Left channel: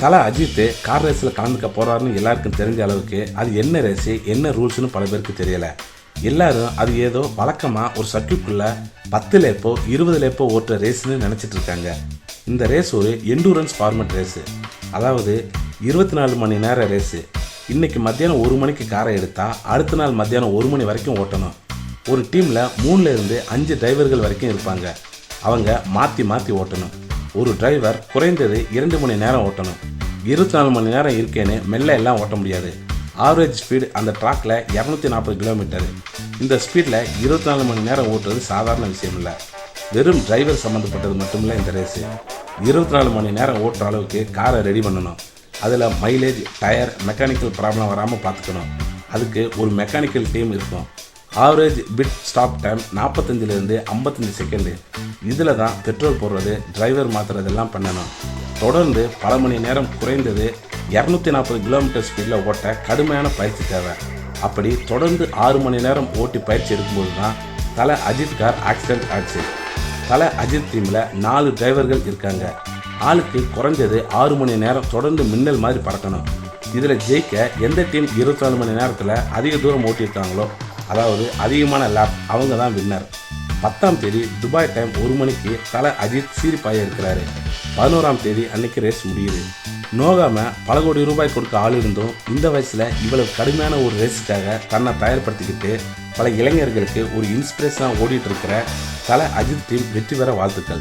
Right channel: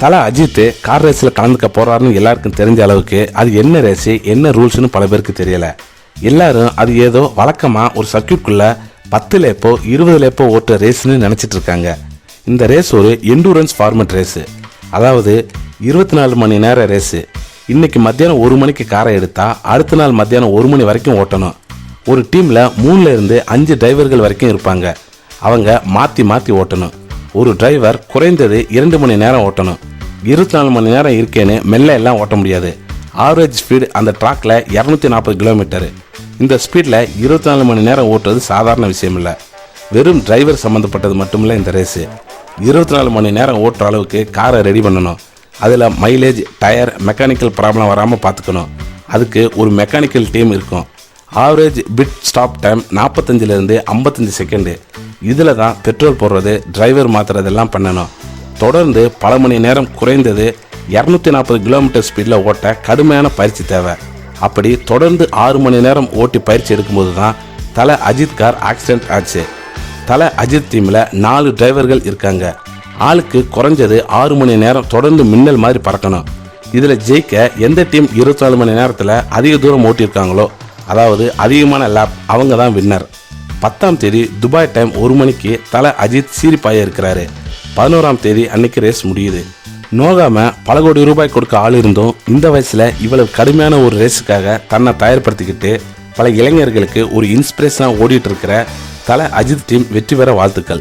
தலை அஜித் கார் ரேஸில் கலந்துக்க போகிறாருன்னு எல்லாருக்கும் தெரிஞ்ச அளவுக்கு அது என்ன ரேஸு என்ன ரூல்ஸ்னு பல பேருக்கு தெரியலை. எல்லாரும் அது ஏதோ வழக்கமாக ஒரு சர்க்கியூட்குள்ளே பத்து லேப்போ இருபது லேப்போ ஓட்டுற ரேஸ்னு நினச்சிட்டு இருக்காங்க. இந்த ரேஸ் ஒரு எண்டூரன்ஸ் ஃபார்மட் ரேஸு அதாவது இருபத்தி நாலு மணி நேர ரேஸு இன்றைக்கி மத்தியானம் ஒரு மணிக்கு காரை எடுத்தால் அடுத்த நாள் மத்தியானம் ஒரு மணி வரைக்கும் ஓட்டணும். ஒரு டீமில் மூணுலேருந்து அஞ்சு டிரைவர்கள் வரைக்கும் இருப்பாங்க. அவங்க மாற்றி மாற்றி ஓட்டணும். ஒரு டிரைவர் குறைந்தது இரண்டு மணி நேரம் ஓட்டணும். இருபத்தி நாலு மணி நேரம் இருக்கேன்னு மெல்ல எல்லாம் ஓட்ட முடியாது. ஆவரேஜ் ஸ்பீடு அந்த ட்ராக்ல இரநூத்தி நாற்பது கிலோமீட்டர் இந்த ஸ்பீடில் இருபத்தி நாலு மணி நேரம் ஓட்டுறது சாதாரண விஷயம் இல்லை வெறும் டிரைவர் சம்மந்தப்பட்டது மட்டுமில்ல இந்த ரேஸு இருபத்தி நாலு மணி நேரம் ஓட்டுற அளவுக்கு காரை ரெடி பண்ணணும். அதில் மைலேஜ் டயர் மெக்கானிக்கல் ப்ராப்ளம் வராமல் பார்த்துக்கணும் அதுக்கு ஒரு மெக்கானிக்கல் டீம் இருக்கும். ஆவரேஜ் பிட் ஸ்டாப் டைம் நாற்பத்தஞ்சிலேருந்து ஐம்பத்தஞ்சு செகண்டு இதில் தான் பெட்ரோல் போடுறது டிரைவர் மாற்றுறதெல்லாம் பண்ணணும். தொடர்ந்து பல மணி நேரம் குறைந்தது இரநூத்தி நாற்பது கிலோமீட்டர் ஸ்பீடில் ஓட்ட கடுமையான பயிற்சி தேவை. அப்படி தொடர்ந்து ஆறு மணி நேரம் ஓட்டி பயிற்சி எடுக்கும்போது தான் தலை அஜித் கார் ஆக்சிடென்ட் ஆச்சு. தலை அஜித் டீமில் நாலு டிரைவர்கள் இருக்காங்க. ஆளுக்கு குறைஞ்சது ஆறு மணி நேரம் தொடர்ந்து மின்னல் மாதிரி பறக்கணும். இதில் ஜெயிக்க எந்த டீம் இருபத்தி நாலு மணி நேரத்தில் அதிக தூரம் ஓட்டியிருக்காங்களோ அதாவது அதிகமான லேப் அவங்க தான் வின்னர் பத்தாம் தேதி துபாய் டைம் ஒரு மணிக்கு தலை அஜித் சீரிப்பாய இருக்கிறாரு. பதினோராம் தேதி அன்னைக்கு ரேஸ் முடியுது. நோகாம பல கோடி ரூபாய் கொடுக்க ஆள் இருந்தும் இந்த வயசுல இவ்வளவு கடுமையான ஒரு ரேஸுக்காக தன்னை தயார்படுத்திக்கிட்டு பல இளைஞர்களுக்கு ஒரு இன்ஸ்பிரேஷனாக ஓடிட்டு இருக்கிற தலை அஜித் டீம் வெற்றி பெற வாழ்த்துக்கள்.